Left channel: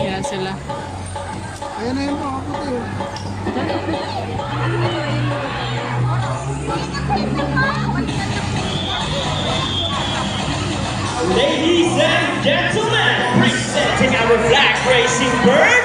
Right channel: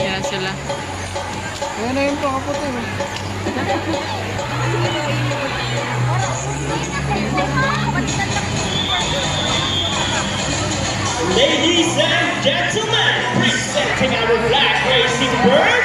Yan sila. Ayun na yun po, ako tayo. Ladies and gentlemen, presenting our flag racing bird,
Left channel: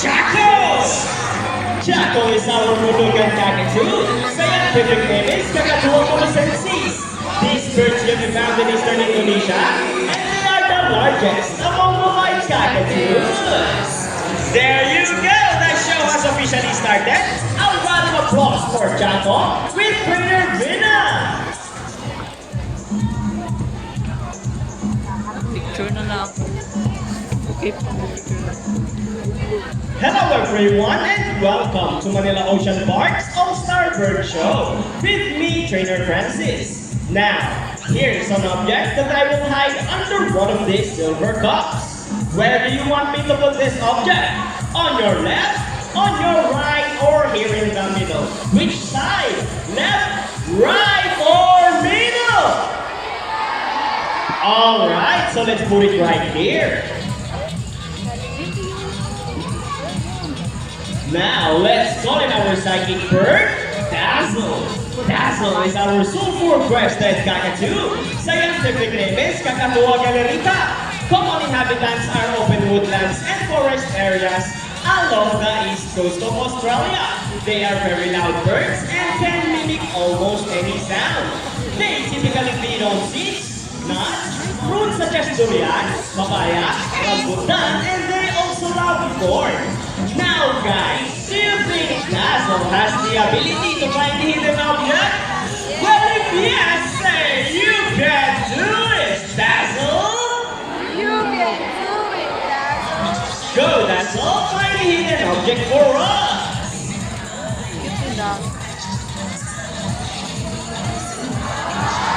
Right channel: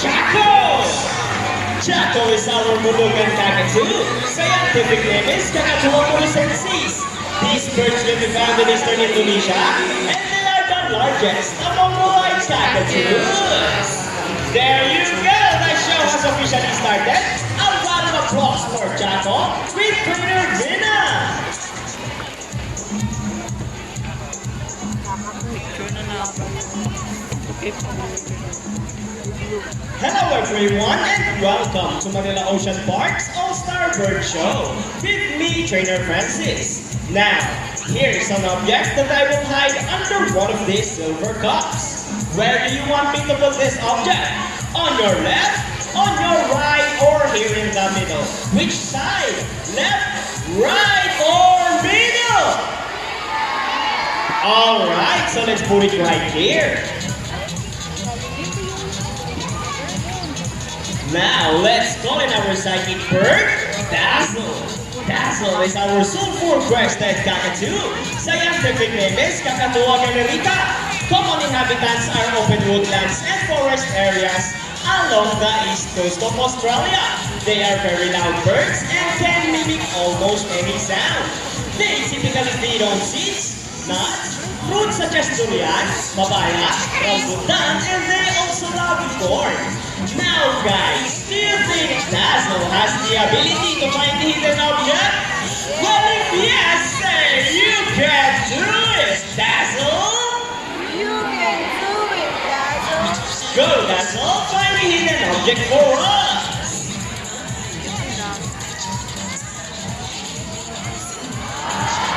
Chaco! Chaco is our Mulugan Kakadu. Scientific name is Kakatuopolis. These birds live in found in eastern Indonesia, and they are the largest among the white Kakadus. There you go, the show has officially started. A round of applause for Chaco with Trainer Vina. Picture na lang ako. Okay. Hello everyone and welcome to Manila Ocean Park's All-Star Bird Show with me, Trainer Francis. Now, here's an object that I will hide under one of these silver cups. Where do you want me to put this object? On your left, on your right, or here in the middle? Which side? Left, right, or middle? Alright, so let's put it right here. Now, let's call in our psychic bird, Dazzle. Dazzle is our sulfur-crested cockatoo. Scientific name is Kakatuwa galerica. Common inhabitants are open woodlands and forest areas along the east coast of Australia. They are very loud birds and can mimic almost any sound. They typically feed on seeds, nuts, fruits such as durian, papaya, rambutan, and they also love corn. Now guys, do you think Dazzle has the ability to find the hidden object? Well, if yes, say you can do it, Dazzle! You can do it, Dazzle! Go, Dazzle, find the hidden object for us!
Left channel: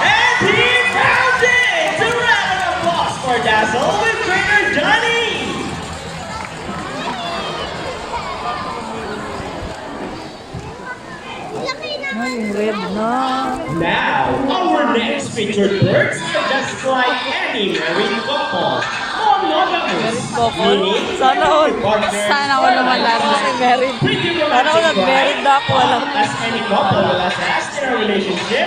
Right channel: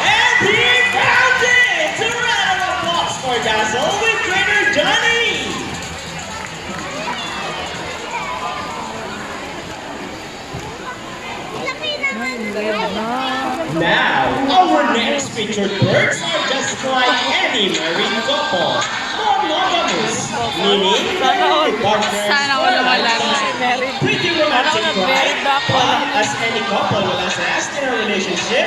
And he found it! A round of applause for Dazzle with Trainer Johnny! Now, our next featured birds are just like any married couple. Monogamous, meaning with partners Sana ako naman married. pretty romantic, right? na ako. But as any couple will attest in a relationship,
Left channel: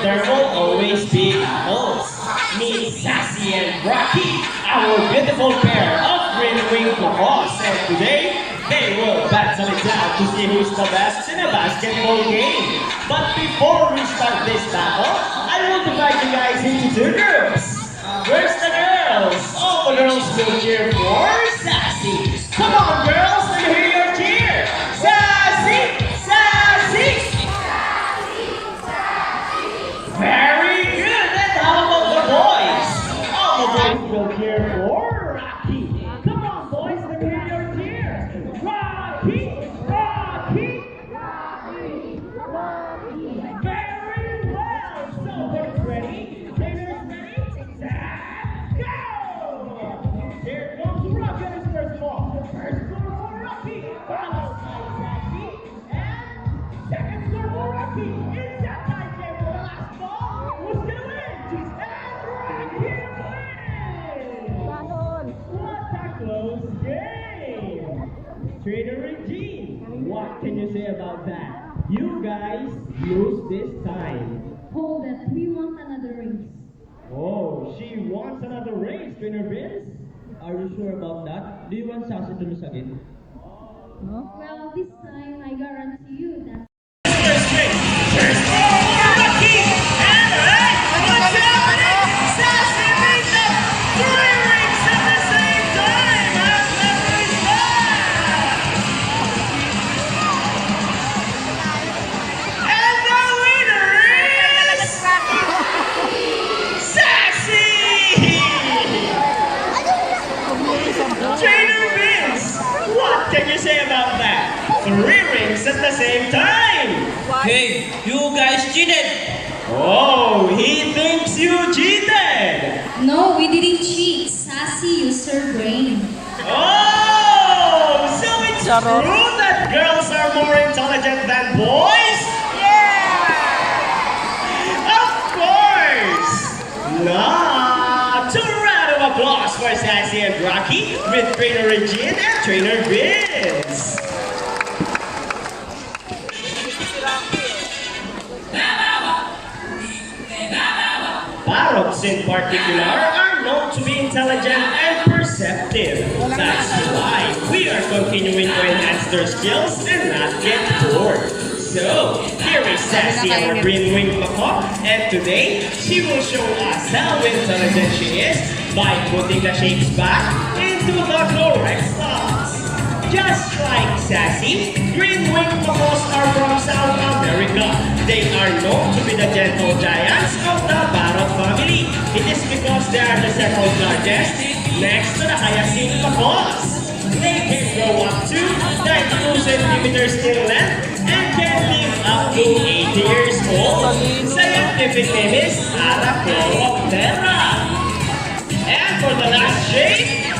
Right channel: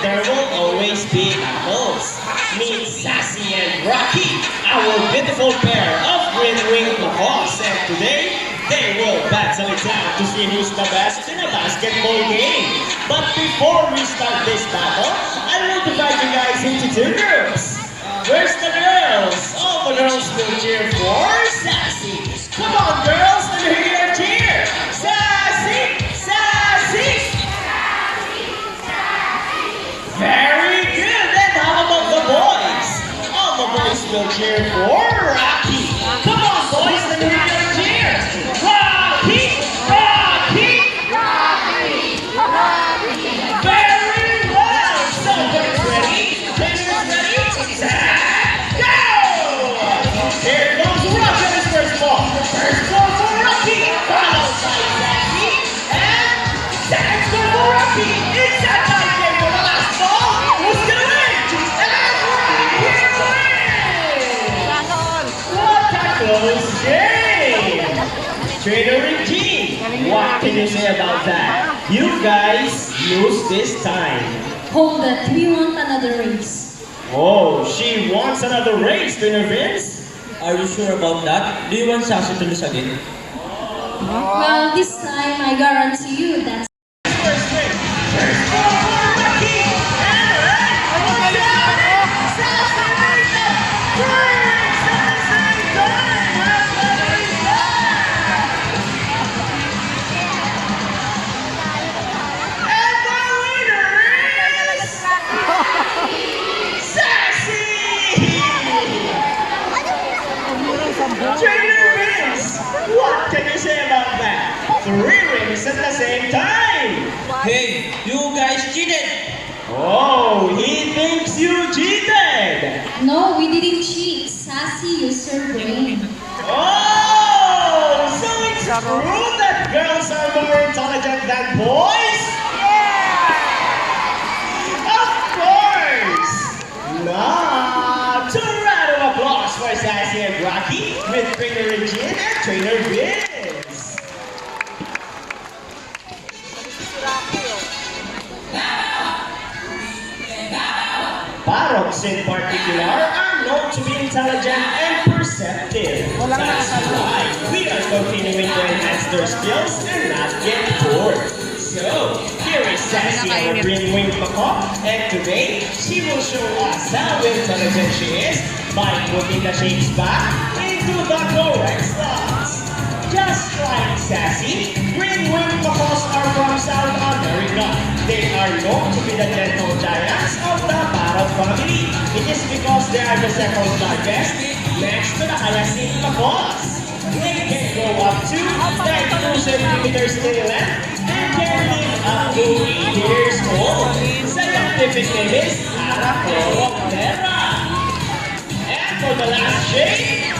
there will always be couples. Meet Sassy and Rocky, our beautiful pair of green-winged macaws, and today they will battle it out to see who's the best in a basketball game. But before we start this battle, I will divide you guys into two groups. Where's the girls? All the girls will cheer for Sassy. Come on, girls, let me hear your cheer. Sassy! Sassy! Very good. And how about the boys? All the boys will cheer for Rocky. Come on, boys, let me hear your cheer. Rocky! Rocky! Very well. So, girls ready? Players ready? Set, go! Here goes Rocky with his first ball. First ball for Rocky. Followed by Sassy. And second ball for Rocky. It's that time again for the last ball. Who's gonna win? And Rocky wins! What a close game! Trainer Regine, what can you say about that? You guys lose this time. Hold it, we want another race. Oh, she wants another race, Trainer Vince? Are you sure about that? Do you want Sassy to lose again? Well, this time I guarantee you that First thing, first ball for Rocky! And right, what's up? Sassy wins the 3 rings at the same time! How clever is that? And the winner is... Sassy! Trainer Vince, what can you say about that? 3 rings at the same time! Hey, you guys cheated! Oh, he thinks you cheated! no, we didn't cheat. Sassy used her brain. Oh, so it's true that girls are more intelligent than boys? Of course! Not! A round of applause for Sassy and Rocky with trainer Regine and trainer Vince. Parrots in particular are known to be intelligent and perceptive. That's why we are continuing to enhance their skills and not get bored. So, here is Sassy, our green-winged macaw, and today she will show us how intelligent she is by putting the shapes back into the correct slots. Just like Sassy, green-winged macaws are from South America. They are known to be the gentle giants of the parrot family. It is because they are the second largest next to the hyacinth macaws. They can grow up to 32 centimeters in length and can live up to 80 years old. Scientific name is Arachnoptera. And for the last shape,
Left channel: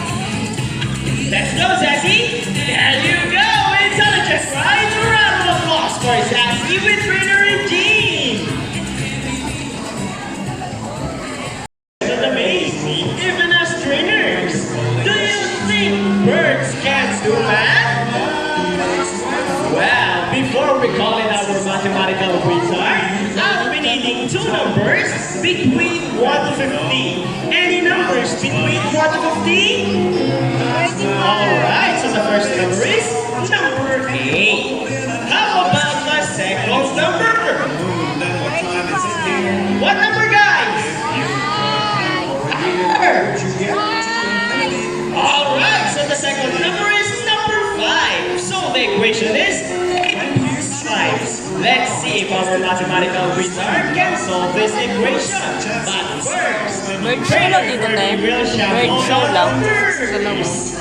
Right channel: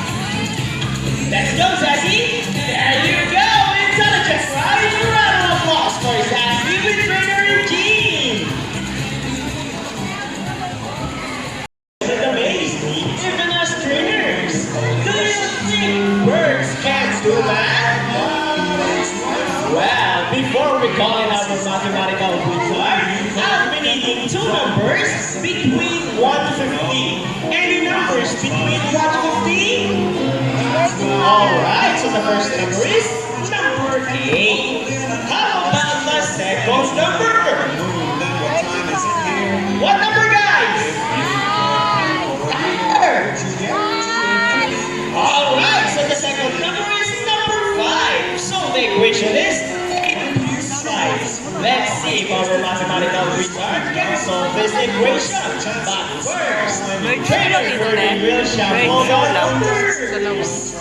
let's go, Sassy! There you go! Intelligent, right? Round of applause for Sassy with trainer Regine! It amazed me, even as trainers. Do you think birds can do math? Well, before we call in our mathematical wizard, I'll be needing two numbers between 1 to 50. Any numbers between 1 to 50? Alright, so the first number is number 8. How about the second number? What number, guys? Alright, so the second number is number 5. So the equation is 8 plus 5. Let's see if our mathematical wizard can solve this equation. But first, trainer will shuffle the numbers.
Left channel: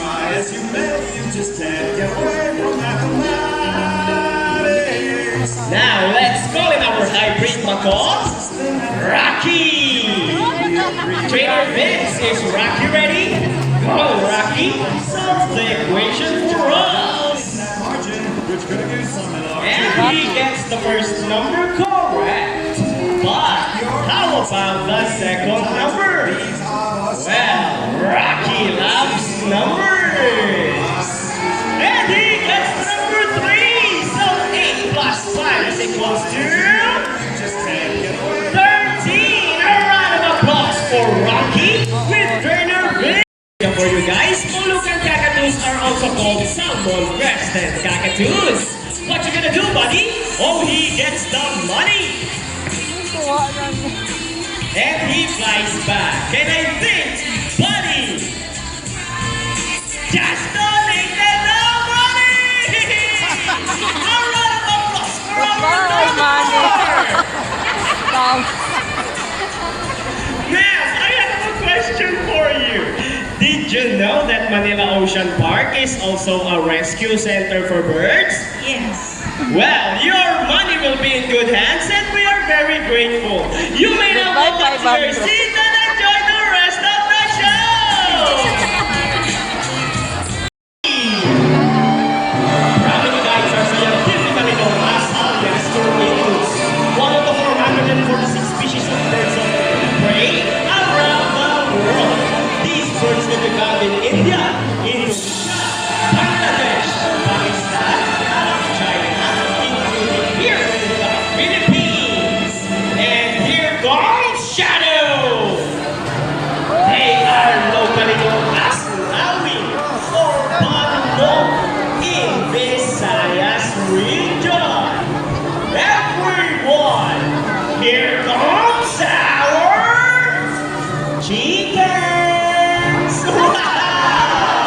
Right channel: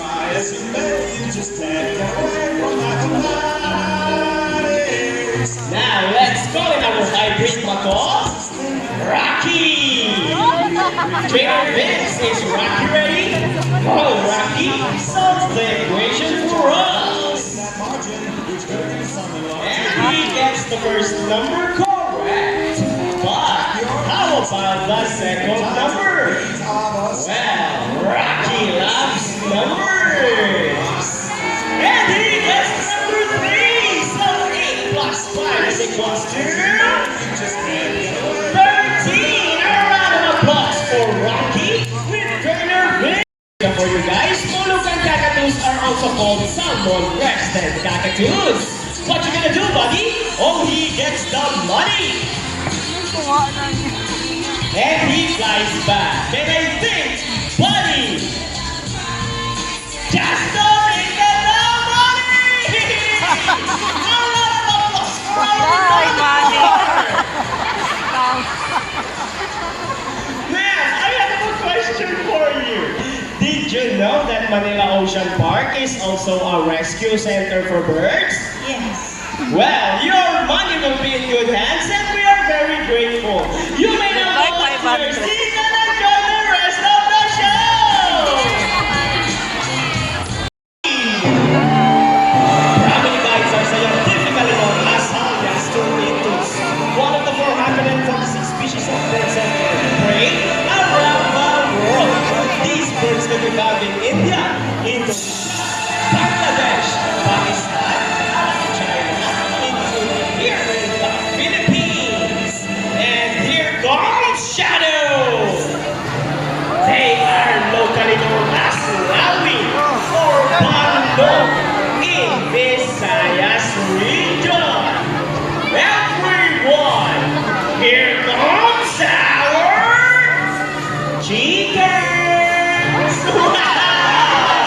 Now let's call in our hybrid macaw, Rocky. Trainer Vince, is Rocky ready? Go, Rocky, solve the equation for us. And he gets the first number correct. But how about the second number? Well, Rocky loves numbers. And he gets number 3. So 8 plus 5 is equals to 13. A round of applause for Rocky with trainer Vince. For you guys, Mulukan cockatoos are also called salmon-breasted cockatoos. What you gonna do, buddy? Oh, he gets the money. And he flies back. And I think, buddy, just donated the money! A round of applause for our money! Now, I have a question for you. Did you know that Manila Ocean Park is also a rescue center for birds? Yes. Well, your money will be in good hands and we are very grateful. You may now go back to your seat and enjoy the rest of the show! Brahminites are scientifically known as gastroenterics, one of the 446 species of birds of prey around the world. These birds can be found in India, Indonesia, Bangladesh, Pakistan, China, including here in the Philippines. And here comes Shadow. They are locally known as Lawi or Bandong in Visayas region. Everyone, here comes our chickens. Wow!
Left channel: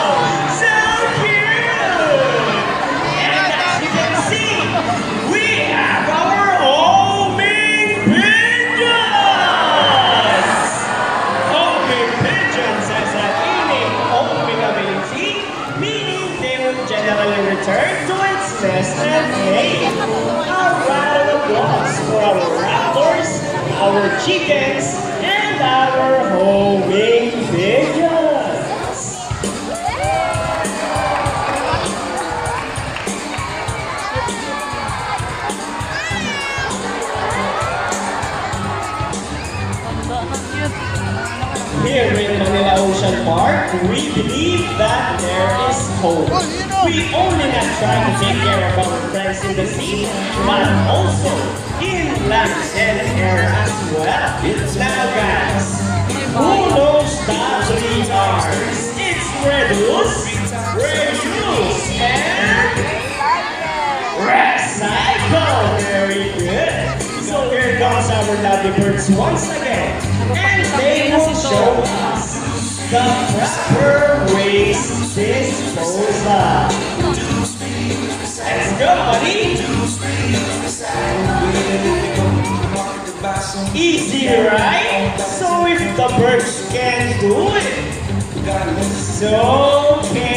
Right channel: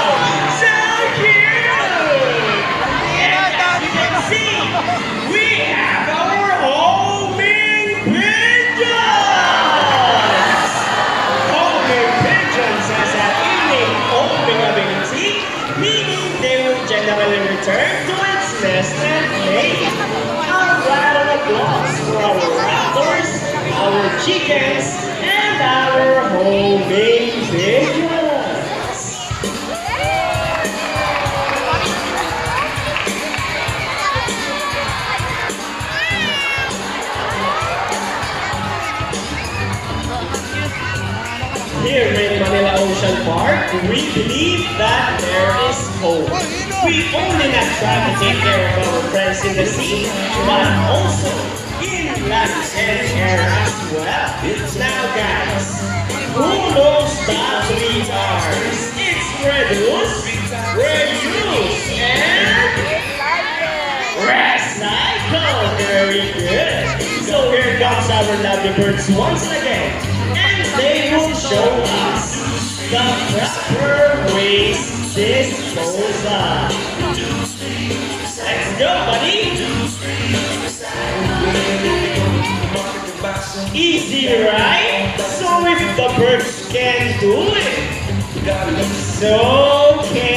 part, we believe that there is hope. We only not try to take care of our friends in the sea, but also in land and air as well. Now guys, who knows the 3 R's? It's reduce, reuse, and recycle. Very good. So here comes our lovely birds once again. And they will show us the proper waste disposal. Let's go, buddy. Easy, right? So if the birds can do it, so can